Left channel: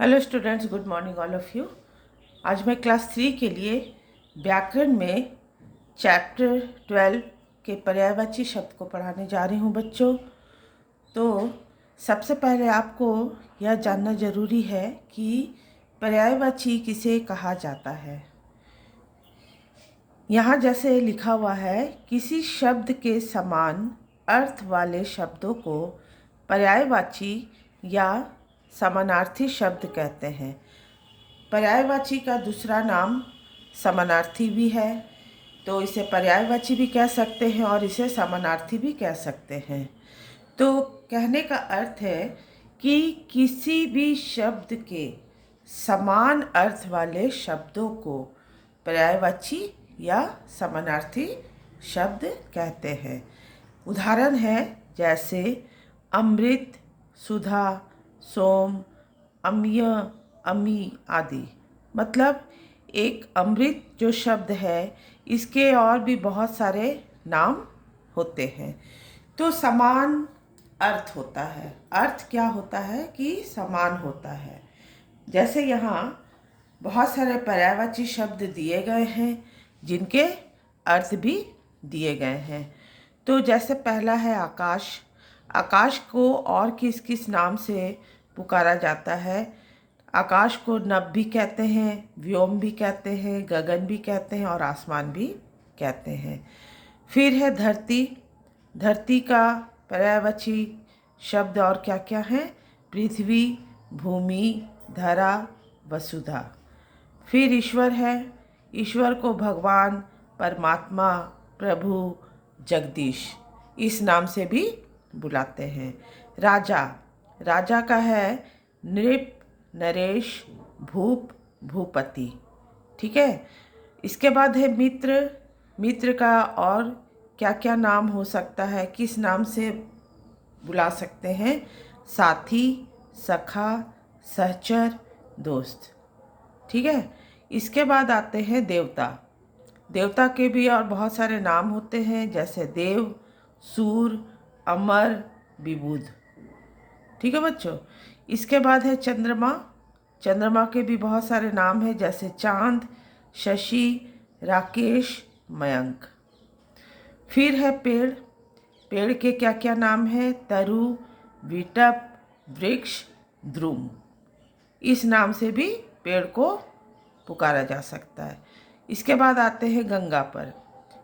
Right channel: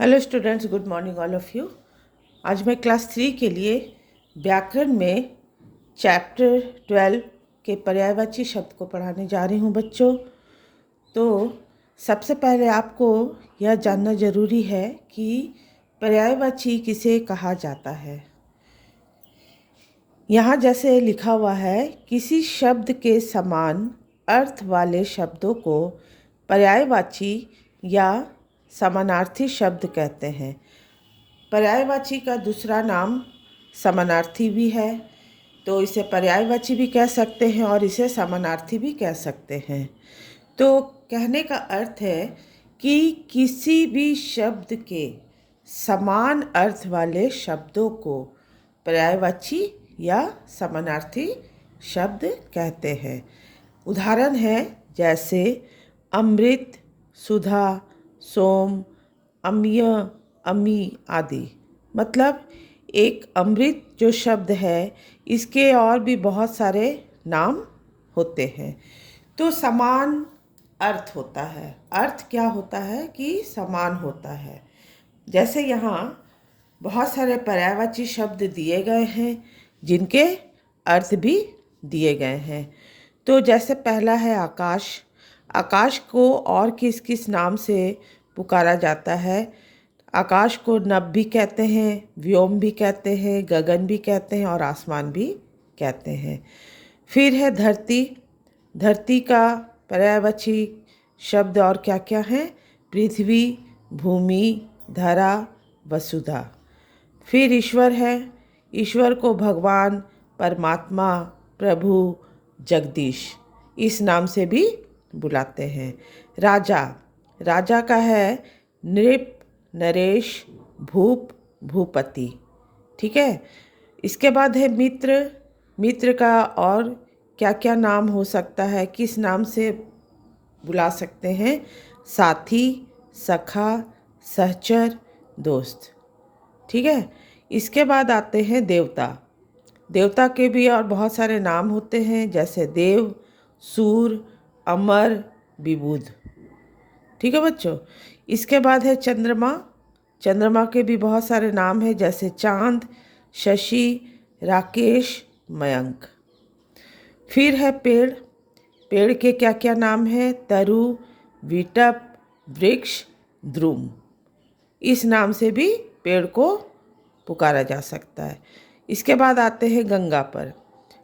Hello students, good morning all of you. आज मैं class 3 के लिए व्याकरण में चैप्टर 12 के पर्यायवाची शब्द को पढ़ाने जा रही हूँ बच्चों। तो सबसे पहले आपको यह जानना ज़रूरी है कि पर्यायवाची किसे कहा जाता है। यहाँ जैसे लिखा हुआ है, किसी शब्द के समान अर्थ वाले शब्दों को पर्यायवाची या समानार्थी शब्द कहते हैं। पर्यायवाची का दूसरा नाम समानार्थी भी है, तो इसे पर्यायवाची भी कह सकते हैं और इसे समानार्थी भी कह सकते हैं। तो कहने का अर्थ है कि किसी भी शब्द के समान अर्थ वाले शब्दों को पर्यायवाची या समानार्थी शब्द कहते हैं। उदाहरण है जैसे अमृत, सुधा, सोम, अम्य, अमी आदि। मतलब एक अमृत जो शब्द है, इसके और भी बहुत सारे नाम होते हैं। तो समान अर्थ होता है। अर्थ क्या होता है कि समान होता है। जैसे यहाँ बहुत सारे पर्यायवाची शब्द दिए गए हैं जिनके अर्थ भी दिए गए हैं। तो जैसे पहला है आकाश। आकाश को और किस किस नाम से पुकारा जाता है? आकाश को नभ भी कहते हैं, व्योम भी कहते हैं, गगन भी कहते हैं और आसमान भी कहते हैं। फिर है धरती। धरती का पर्यायवाची शब्द और क्या क्या हैं? पृथ्वी, भूमि, धरा, वसुधा। फिर ईश्वर है। ईश्वर को भगवान, परमात्मा, प्रभु, जगदीश इस नाम से भी बुलाते हैं। राजा। राजा का है नृप, नरेश, भूप, भूपति। ठीक है। इसके बाद है मित्र। मित्र का और क्या क्या नाम हो सकता है, किस नाम से बुला सकते हैं? साथी, सखा, सहचर, दोस्त। ठीक है। इसके बाद आते हैं देवता। देवता के भी और बहुत सारे नाम होते हैं, जैसे देव, सूर, अमर, विबुध। ठीक है बच्चों। इसके बाद है चंद्रमा। चंद्रमा के भी बहुत सारे नाम हैं, जैसे चांद, शशि, राकेश, मयंक। फिर है पेड़। पेड़ के क्या क्या नाम हैं? तरु, विटप, वृक्ष, द्रुम। इस नाम से भी पेड़ को पुकारा जा सकता है। इसके बाद आते हैं गंगा पर।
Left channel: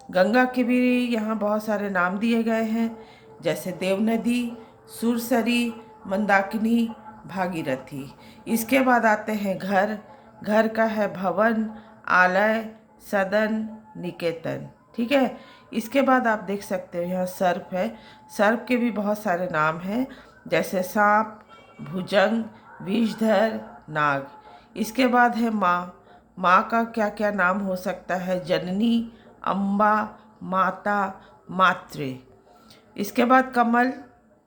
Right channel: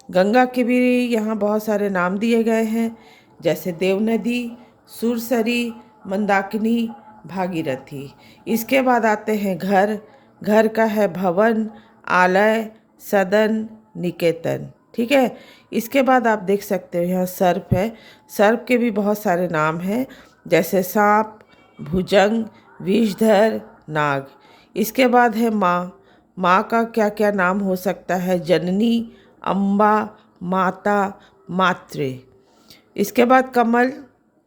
गंगा के भी यहाँ बहुत सारे नाम दिए गए हैं, जैसे देवनदी, सुरसरी, मंदाकिनी, भागीरथी। इसके बाद आते हैं घर। घर का है भवन, आलय, सदन, निकेतन। ठीक है। इसके बाद आप देख सकते हो यहाँ सर्प है। सर्प के भी बहुत सारे नाम हैं, जैसे सांप, भुजंग, विषधर, नाग। इसके बाद है माँ। माँ का क्या क्या नाम हो सकता है? जननी, अम्बा, माता, मातृ। इसके बाद कमल।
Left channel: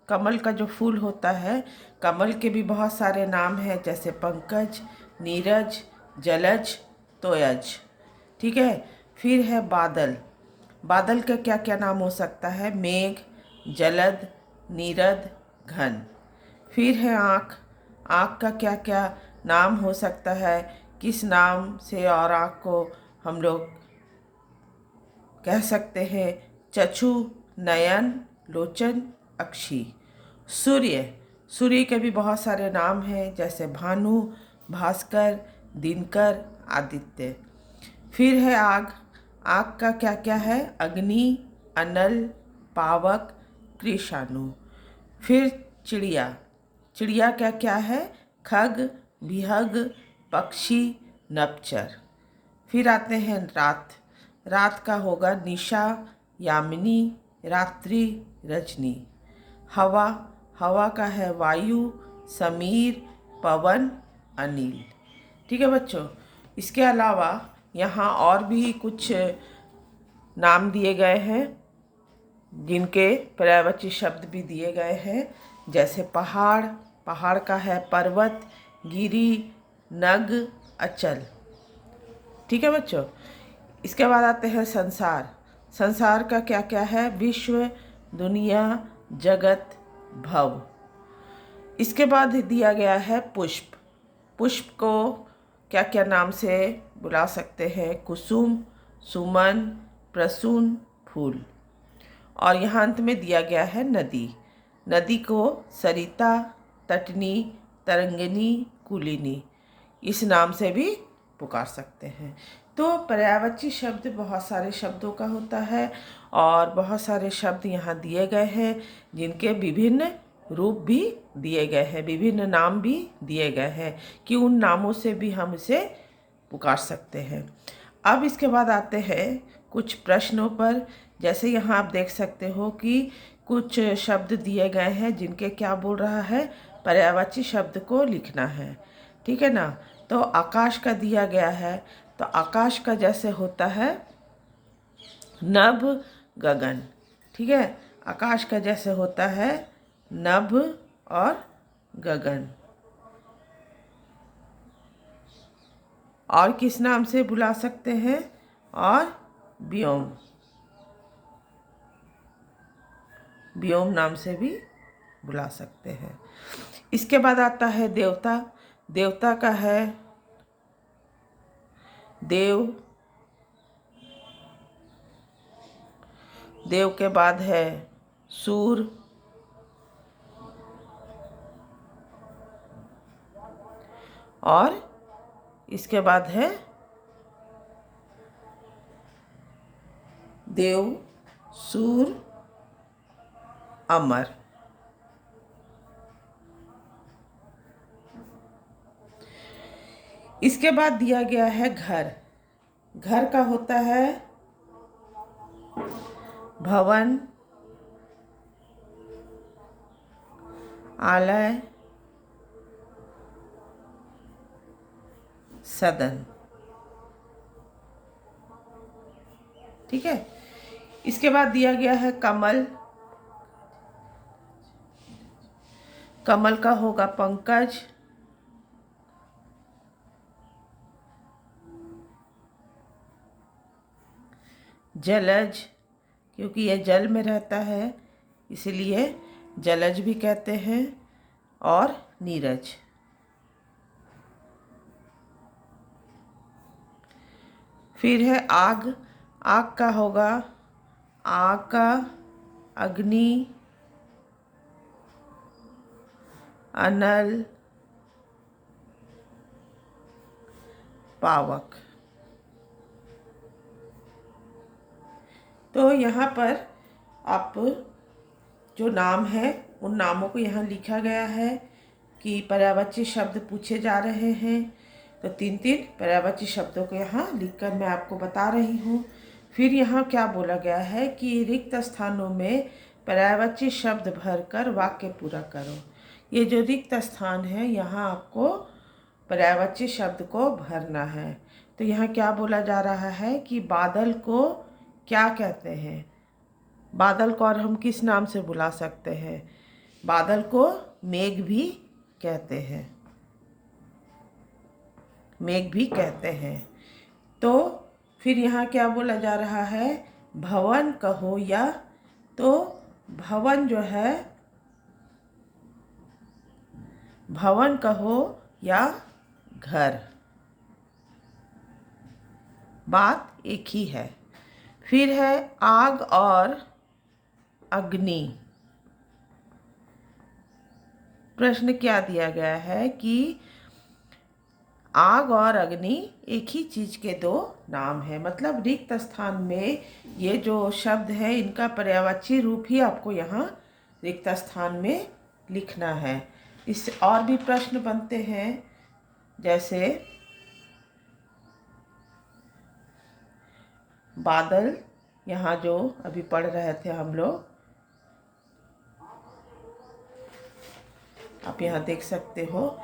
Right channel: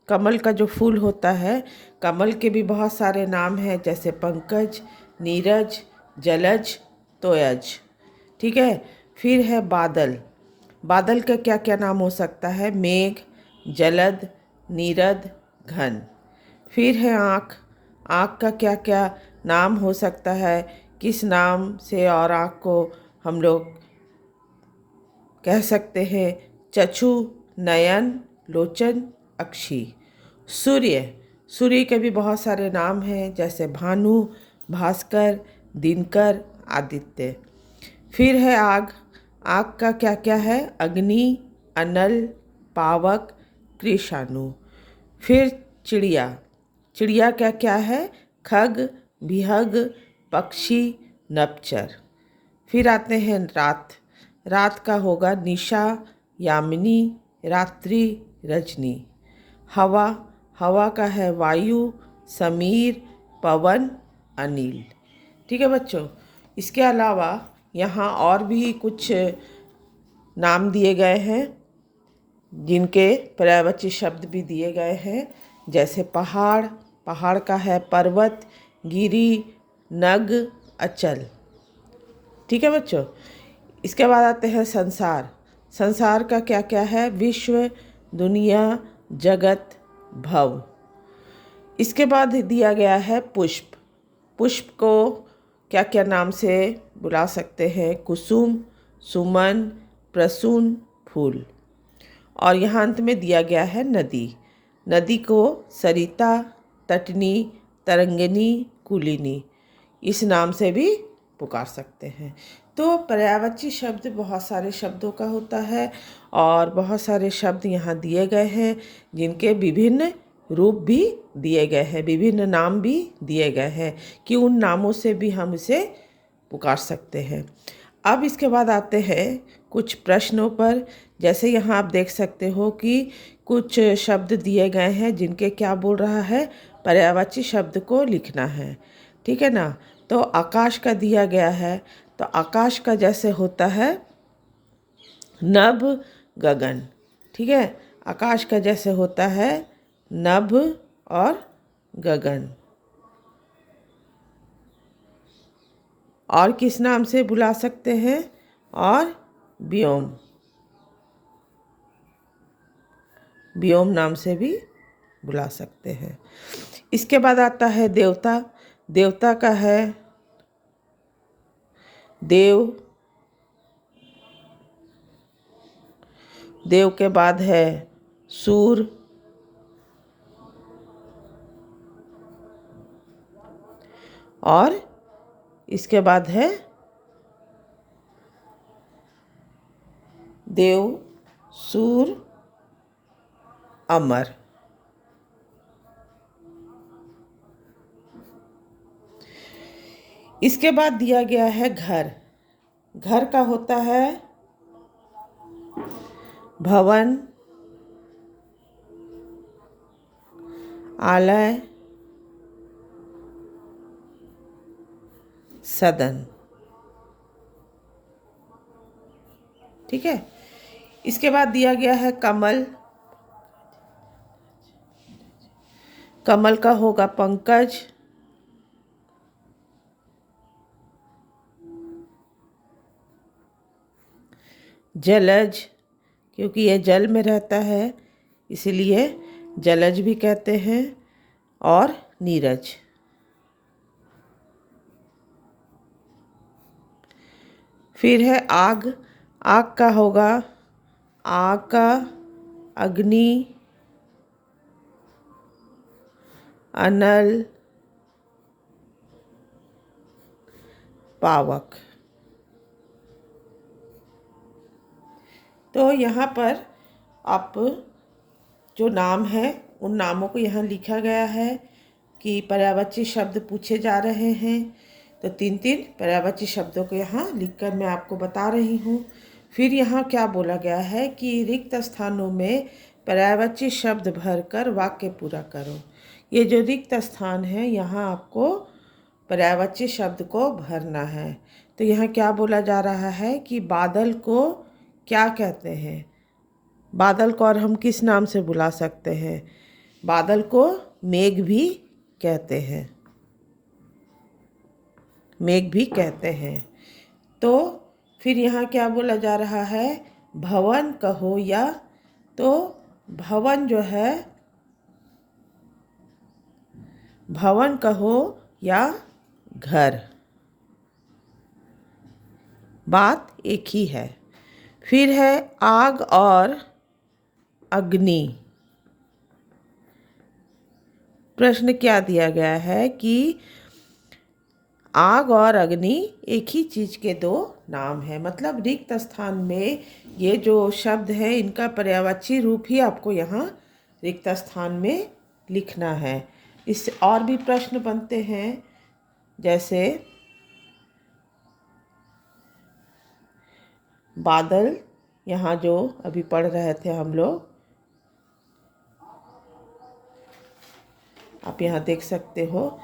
कमल का जो फूल होता है, कमल के भी बहुत सारे नाम हैं, जैसे पंकज, नीरज, जलज, तोयज। ठीक है। फिर है बादल। बादल का क्या क्या नाम हो सकता है? मेघ, जलद, नीरद, घन। फिर है आँख। आँख का क्या क्या नाम हो सकता है? किस नाम से और आँख को हम लोग कह सकते हैं? चक्षु, नयन, लोचन, अक्षी। सूर्य। सूर्य के भी बहुत सारे नाम हैं, जैसे भानु, भास्कर, दिनकर, आदित्य। फिर है आग। आग का क्या क्या है? अग्नि, अनल, पावक, कृषाणु। फिर चिड़िया। चिड़िया क्या क्या है? खग, बिहग, पक्षी, नपचर। फिर आते हैं रात। रात का होगा निशा, यामिनी, रात्रि, रजनी। हवा। हवा का है वायु, समीर, पवन, अनिल। ठीक है बच्चों। इसके अलावा यहाँ और भी कुछ नाम दिए गए हैं, जिनके पर्यायवाची शब्द भी दिए गए हैं, जैसे पहाड़। पहाड़ का है पर्वत, गिरी, नग, अचल। ठीक है बच्चों। इसके बाद आते हैं संसार। संसार का क्या क्या है? विश्व, दुनिया, जगत, भव। इसके बाद दिया गया है पुष्प। पुष्प को क्या क्या नाम से बुला सकते हैं? कुसुम, सुमन, प्रसून, फूल। और यहाँ अंत में दिया गया है नदी। नदी को सरिता, तटनी, तरंगिनी, कुलिनी इस नाम से भी पुकार सकते हैं। तो पर्यायवाची शब्द बहुत सारे शब्दों का होता है और बहुत सारे शब्द यहाँ दिए गए हैं जिनके विभिन्न रूप भी दिए गए हैं, विभिन्न नाम भी दिए गए हैं कि उन नामों से भी हम इसे पुकार सकते हैं। अब इसके बाद आते हैं कुछ प्रश्नों पर। जैसे यहाँ आप देख सकते हो कि कुछ शब्द दिए गए हैं जिनके क्या बोल रहा है, पर्यायवाची शब्द को लिखना है। ठीक है ना। तो आकाश का दिया गया है, तो आकाश का जैसे होता है नभ, गगन। ठीक है, आकाश का जैसे होता है नभ और गगन। और किस नाम से बुला सकते हैं? और व्योम, व्योम नाम से भी बुला सकते हैं। इसके बाद आता है देवता। देवता का है देव, देव के बाद है सूर, और इसके बाद है देव, सूर, अमर। इसके बाद दिया गया है घर। घर का होता है भवन, आलय, सदन। ठीक है। इसके बाद दिया गया है कमल। कमल का होगा पंकज, जलज, क्योंकि यह जल में रहता है इसलिए जलज भी कहते हैं, और नीरज। फिर है आग। आग का होगा आका, अग्नि, अनल, पावक। तो यहाँ पर आप जो नाम है उन नामों को यहाँ लिखा गया है कि पर्यायवाची शब्द पूछे जा रहे हैं। तो 3-3 पर्यायवाची शब्दों को यहाँ लिखकर मैं आपको बता रही हूँ। फिर यहाँ क्या बोला गया है कि रिक्त स्थानों में पर्यायवाची शब्द भरकर वाक्य पूरा करो। ये जो रिक्त स्थान है यहाँ आपको पर्यायवाची शब्द को भरना है। तो यहाँ क्या बोला जा रहा है कि बादल को क्या कहते हैं? बादल को और हम किस नाम से बुला सकते हैं? बादल को मेघ भी कहते हैं, मेघ भी कहते हैं। तो फिर यहाँ क्या बोला जा रहा है? भवन कहो या, तो भवन जो है, भवन कहो या घर, बात एक ही है। फिर है आग और अग्नि। प्रश्न क्या दिया गया है कि आग और अग्नि एक ही चीज के दो नाम है। मतलब रिक्त स्थान में ये जो शब्द है इनका पर्यायवाची रूप ही आपको यहाँ रिक्त स्थान में लिखना है। इससे और भी प्रश्न बनते हैं, जैसे बादल, यहाँ जो अभी पढ़ रहे थे हम लोग, आप यहाँ देख सकते हो।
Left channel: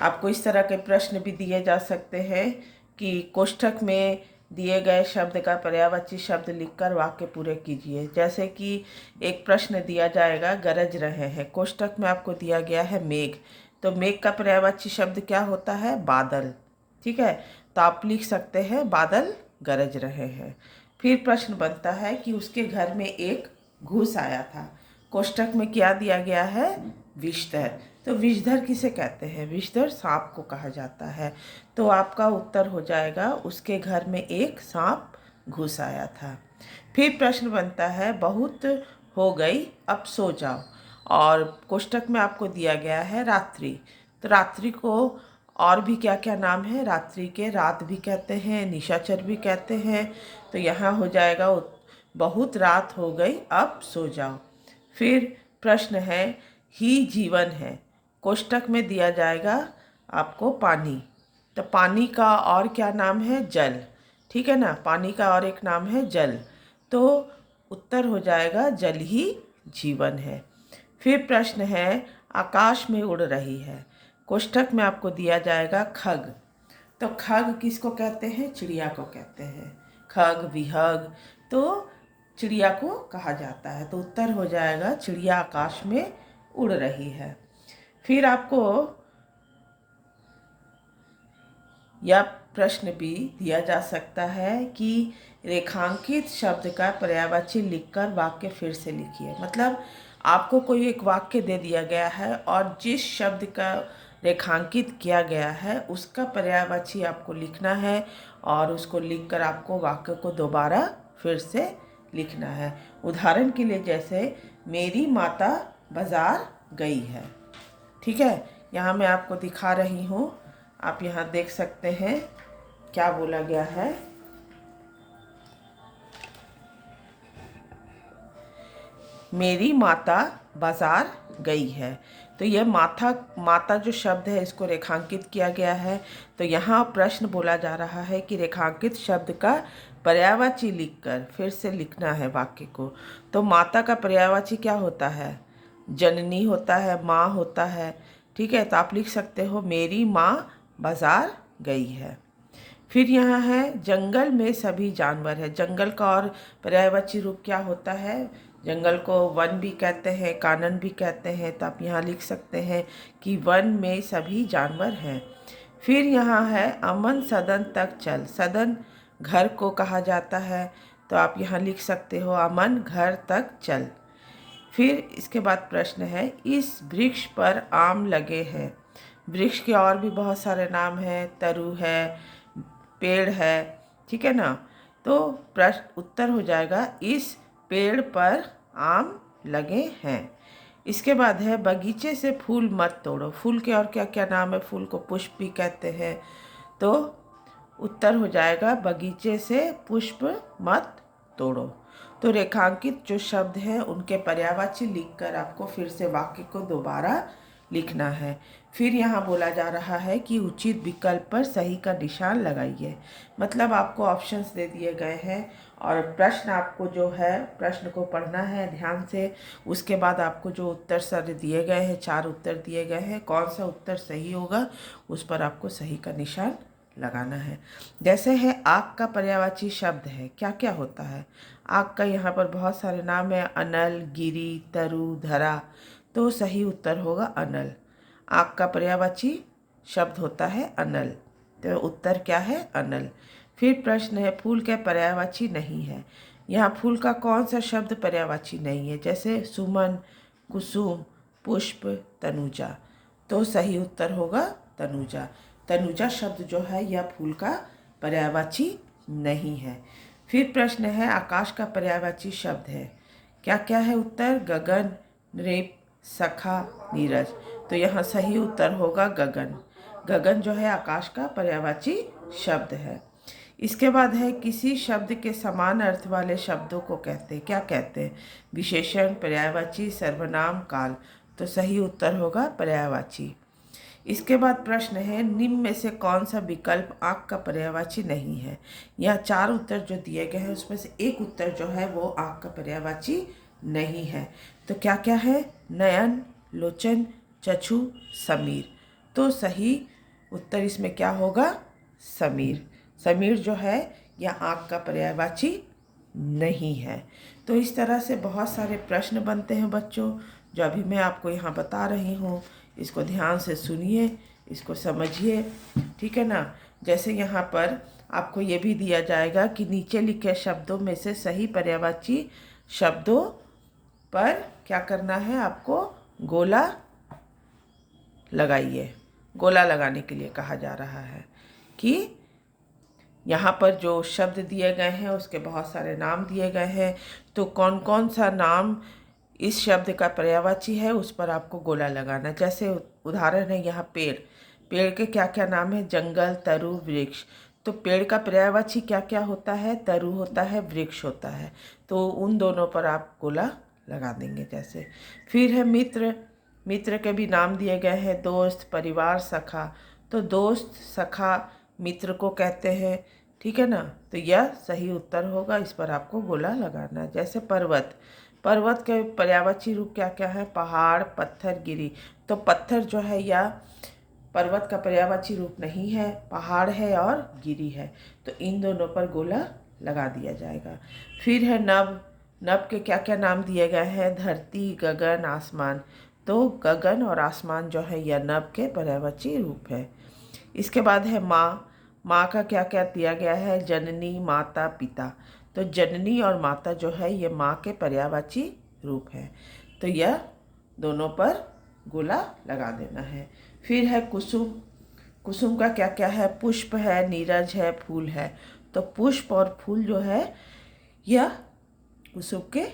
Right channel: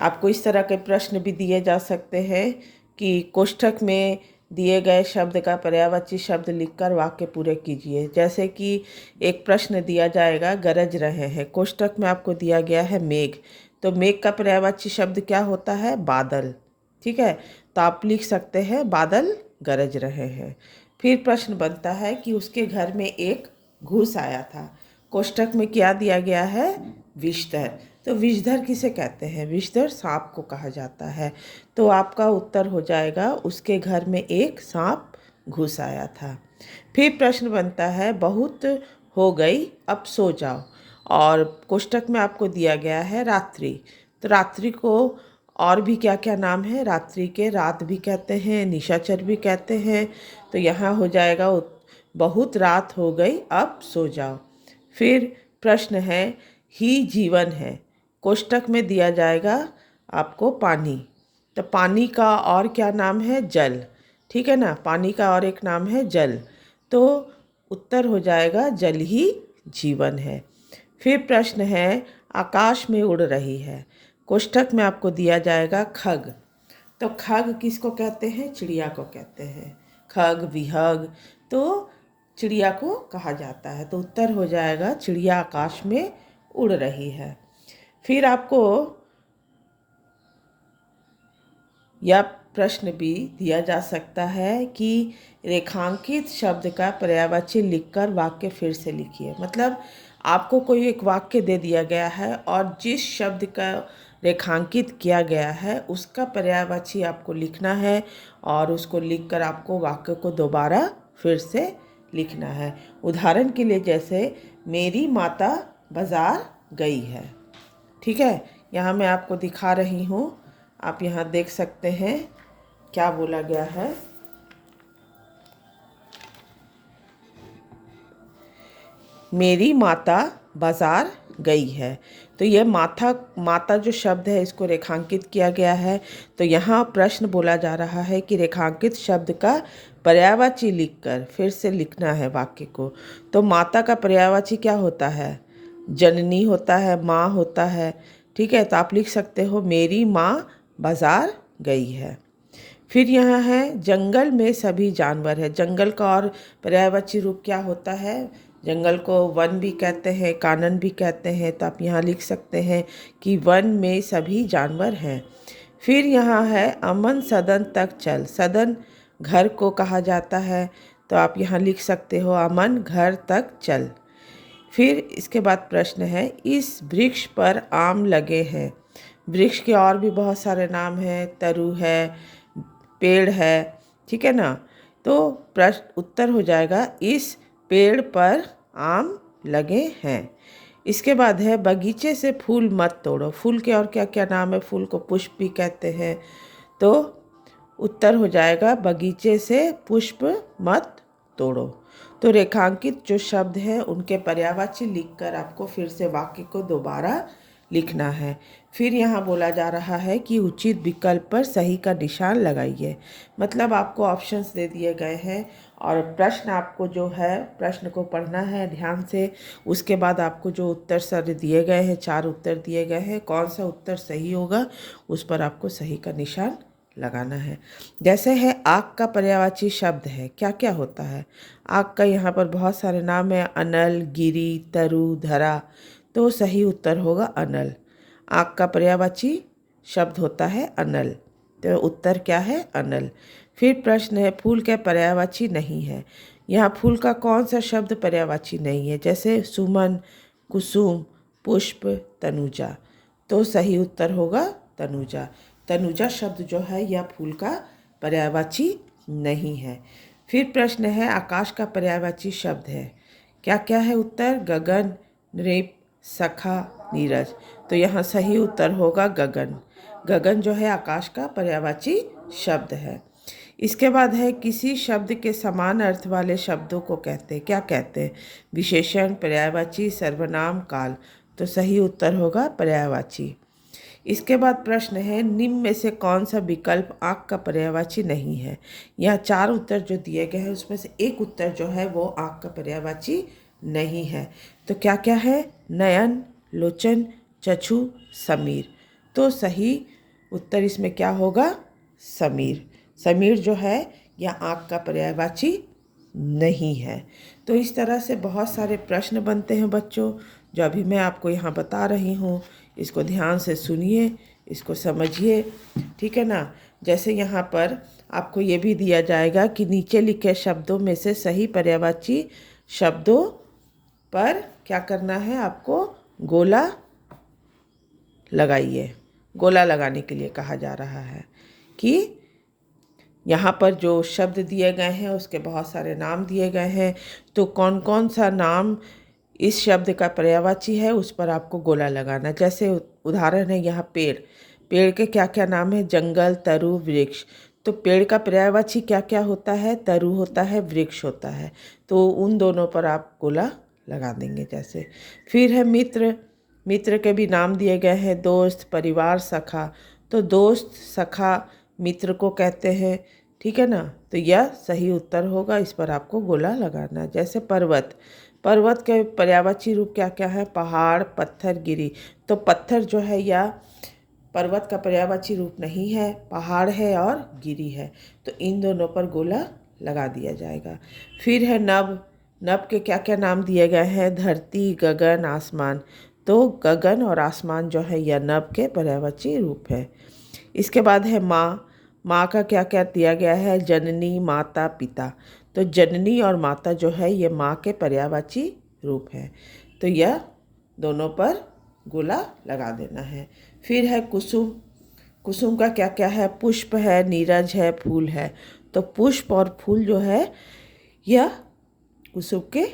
आपको इस तरह के प्रश्न भी दिए जा सकते हैं कि कोष्ठक में दिए गए शब्द का पर्यायवाची शब्द लिखकर वाक्य पूरे कीजिए। जैसे कि एक प्रश्न दिया जाएगा, गरज रहे हैं। कोष्ठक में आपको दिया गया है मेघ, तो मेघ का पर्यायवाची शब्द क्या होता है? बादल। ठीक है, तो आप लिख सकते हैं बादल गरज रहे हैं। फिर प्रश्न बनता है कि उसके घर में एक घूस आया था, कोष्ठक में क्या दिया गया है? विषधर। तो विषधर किसे कहते हैं? विषधर सांप को कहा जाता है। तो आपका उत्तर हो जाएगा, उसके घर में एक सांप घुस आया था। फिर प्रश्न बनता है, बहुत हो गई अब सो जाओ। और कोष्ठक में आपको दिया गया है रात्रि। तो रात्रि को और भी क्या क्या नाम है? रात्रि के रात भी कहते हैं, निशाचर भी कहते हैं। तो यहाँ हो जाएगा बहुत रात हो गई अब सो जाओ। फिर प्रश्न है, ही जीवन है। कोष्ठक में दिया जाएगा आपको पानी। तो पानी का और क्या नाम है? जल। ठीक है ना, पानी का और एक नाम है जल। तो उत्तर हो जाएगा जल ही जीवन है। फिर प्रश्न है, आकाश में उड़ रही है। कोष्ठक में आपको दिया जाएगा खग। तो खग किसको कहते हैं? चिड़िया को कहते हैं। खग, विहग, तो चिड़िया को कहा जाता है। तो उत्तर हो जाएगा चिड़िया आकाश में उड़ रही है। फिर आपको यह प्रश्न भी दिया जा सकता है कि रेखांकित शब्द का पर्यायवाची लिखकर वाक्य फिर से लिखिए। मतलब आपको कोई एक वाक्य दे दिया गया है और जिस शब्द का रेखांकित किया गया है उसका पर्यायवाची आपको लिखना है और उसको लिखकर आपको वाक्य को दोबारा फिर से लिखना है। उदाहरण के लिए जैसे मेरी माता बाजार गई है। ठीक है, यहाँ मैं आपको दिखा रही हूँ, आप यहाँ देख सकते हैं क्या बोला गया है। मेरी माता बाजार गई है। तो यह माता जो शब्द है इसको रेखांकित किया गया है। तो यहाँ प्रश्न बोला जा रहा है कि रेखांकित शब्द का पर्यायवाची लिखकर फिर से लिखना है वाक्य को। तो माता का पर्यायवाची क्या होता है? जननी होता है, माँ होता है। ठीक है, तो आप लिख सकते हो मेरी माँ बाजार गई है। फिर यहाँ है जंगल में सभी जानवर है। जंगल का और पर्यायवाची रूप क्या होता है? जंगल को वन भी कहते हैं, कानन भी कहते हैं। तो आप यहाँ लिख सकते हैं कि वन में सभी जानवर हैं। फिर यहाँ है अमन सदन तक चल। सदन घर को कहा जाता है। तो आप यहाँ लिख सकते हो अमन घर तक चल। फिर इसके बाद प्रश्न है, इस वृक्ष पर आम लगे हैं। वृक्ष के और भी बहुत सारे नाम हैं, तरु है, पेड़ है। ठीक है ना। तो प्रश्न उत्तर हो जाएगा इस पेड़ पर आम लगे हैं। इसके बाद है बगीचे से फूल मत तोड़ो। फूल के और क्या क्या नाम है? फूल को पुष्प भी कहते हैं। तो उत्तर हो जाएगा बगीचे से पुष्प मत तोड़ो। तो रेखांकित जो शब्द हैं उनके पर्यायवाची लिखकर आपको फिर से वाक्य को दोबारा लिखना है। फिर यहाँ बोला जा रहा है कि उचित विकल्प पर सही का निशान लगाइए। मतलब आपको ऑप्शंस दे दिए गए हैं और प्रश्न आपको जो है प्रश्न को पढ़ना है ध्यान से। उसके बाद आपको जो उत्तर सर दिए गए हैं, 4 उत्तर दिए गए हैं, कौन सा उत्तर सही होगा उस पर आपको सही का निशान लगाना है। जैसे है आग का पर्यायवाची शब्द है, क्या क्या होता है? आग का यहाँ पर बहुत सारे नाम है, अनल, गिरी, तरु, धरा। तो सही उत्तर होगा अनल। आग का पर्यायवाची शब्द होता है अनल। तो उत्तर क्या है? अनल। फिर प्रश्न है फूल का पर्यायवाची नहीं है। यहाँ फूल का कौन सा शब्द पर्यायवाची नहीं है? जैसे सुमन, कुसुम, पुष्प, तनुजा। तो सही उत्तर होगा तनुजा। तनुजा शब्द जो है यह फूल का पर्यायवाची नहीं है। फिर प्रश्न है आकाश का पर्यायवाची शब्द है, क्या क्या है उत्तर? गगन, नृप, सखा, नीरज। तो यहाँ सही उत्तर होगा गगन। गगन जो है आकाश का पर्यायवाची शब्द है। इसके बाद है किसी शब्द के समान अर्थ वाले शब्दों को कहते हैं, क्या कहते हैं? विशेषण, पर्यायवाची, सर्वनाम, काल। तो सही उत्तर होगा पर्यायवाची। इसके बाद प्रश्न है निम्न में से कौन सा विकल्प आँख का पर्यायवाची नहीं है? यहाँ 4 उत्तर जो दिए गए हैं उसमें से एक उत्तर जो है वो आँख का पर्यायवाची नहीं है। तो क्या क्या है? नयन, लोचन, चक्षु, समीर। तो सही उत्तर इसमें क्या होगा? समीर। समीर जो है यह आँख का पर्यायवाची नहीं है। तो इस तरह से बहुत सारे प्रश्न बनते हैं बच्चों, जो अभी मैं आपको यहाँ बता रही हूँ। इसको ध्यान से सुनिए, इसको समझिए। ठीक है ना। जैसे यहाँ पर आपको ये भी दिया जाएगा कि नीचे लिखे शब्दों में से सही पर्यायवाची शब्दों पर क्या करना है आपको, गोला लगाइए। गोला लगाने के लिए कहा जा रहा है कि यहाँ पर जो शब्द दिए गए हैं उसके बहुत सारे नाम दिए गए हैं, तो कौन कौन सा नाम इस शब्द का पर्यायवाची है उस पर आपको गोला लगाना। जैसे उदाहरण है यहाँ पेड़, पेड़ के क्या क्या नाम है, जंगल, तरु, वृक्ष। तो पेड़ का पर्यायवाची क्या क्या होता है, तरु होता है, वृक्ष होता है। तो उन दोनों पर आप गोला लगा देंगे। जैसे फिर है मित्र, मित्र के भी नाम दिए गए हैं, दोस्त, परिवार, सखा। तो दोस्त, सखा, मित्र को कहते हैं, ठीक है ना। तो यह सही उत्तर होगा, इस पर आपको गोला लगाना है। जैसे पर्वत, पर्वत के पर्यायवाची रूप क्या क्या है, पहाड़, पत्थर, गिरी। तो पत्थर जो है यह पर्वत का पर्यायवाची रूप नहीं है, पहाड़ है और गिरी है। तो इन दोनों पर गोला लगा दिया जाएगा। फिर है नभ, नभ के क्या क्या नाम दिए गए हैं, धरती, गगन, आसमान। तो गगन और आसमान जो है यह नभ के पर्यायवाची रूप है। इसके बाद है माँ, माँ का क्या क्या दिया गया है, जननी, माता, पिता। तो जननी और माता जो है ये माँ के पर्यायवाची रूप है। तो यह दोनों पर गोला लगा देना है। फिर है कुसुम, कुसुम का क्या क्या है, पुष्प है, नीरज है, फूल है। तो पुष्प और फूल जो है यह कुसुम के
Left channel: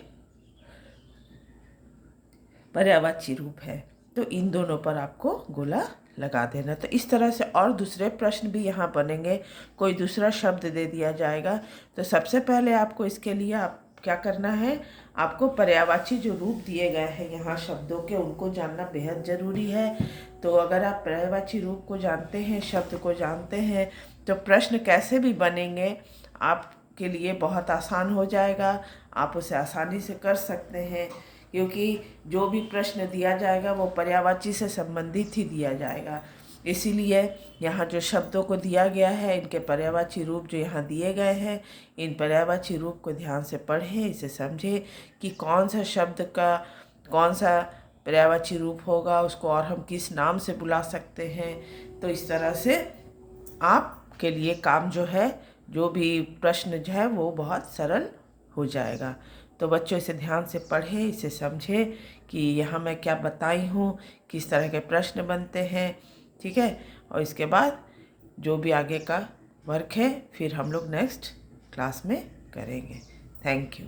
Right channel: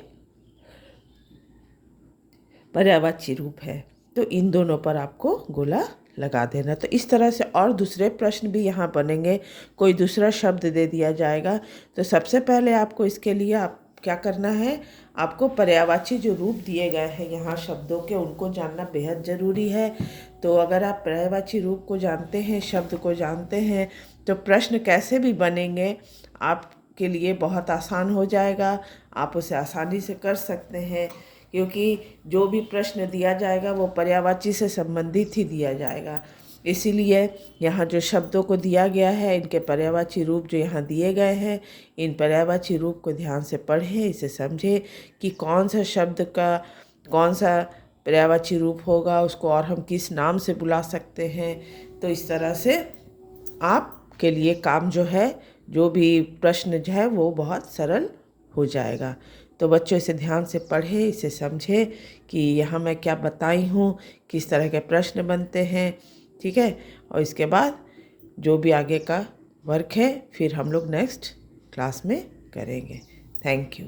पर्यायवाची रूप है। तो इन दोनों पर आपको गोला लगा देना। तो इस तरह से और दूसरे प्रश्न भी यहाँ बनेंगे। कोई दूसरा शब्द दे दिया जाएगा तो सबसे पहले आपको इसके लिए आप क्या करना है, आपको पर्यायवाची जो रूप दिए गए हैं यहाँ शब्दों के उनको जानना बेहद ज़रूरी है। तो अगर आप पर्यायवाची रूप को जानते हैं, शब्द को जानते हैं, तो प्रश्न कैसे भी बनेंगे आपके लिए बहुत आसान हो जाएगा। आप उसे आसानी से कर सकते हैं, क्योंकि जो भी प्रश्न दिया जाएगा वो पर्यायवाची से संबंधित ही दिया जाएगा। इसीलिए यहाँ जो शब्दों को दिया गया है, इनके पर्यायवाची रूप जो यहाँ दिए गए हैं, इन पर्यायवाची रूप को ध्यान से पढ़ें, इसे समझें कि कौन सा शब्द का कौन सा पर्यायवाची रूप होगा, उसको और हम किस नाम से बुला सकते हैं। तो इस तरह से आपके लिए काम जो है, जो भी प्रश्न जो है वो बहुत सरल हो जाएगा। तो बच्चों इसे ध्यान से पढ़ें, इसे समझें कि यहाँ मैं क्या बताई हूँ, किस तरह के प्रश्न बनते हैं, ठीक है। और इसके बाद जो भी आगे का वर्क है फिर हम लोग नेक्स्ट क्लास में करेंगे। Thank you.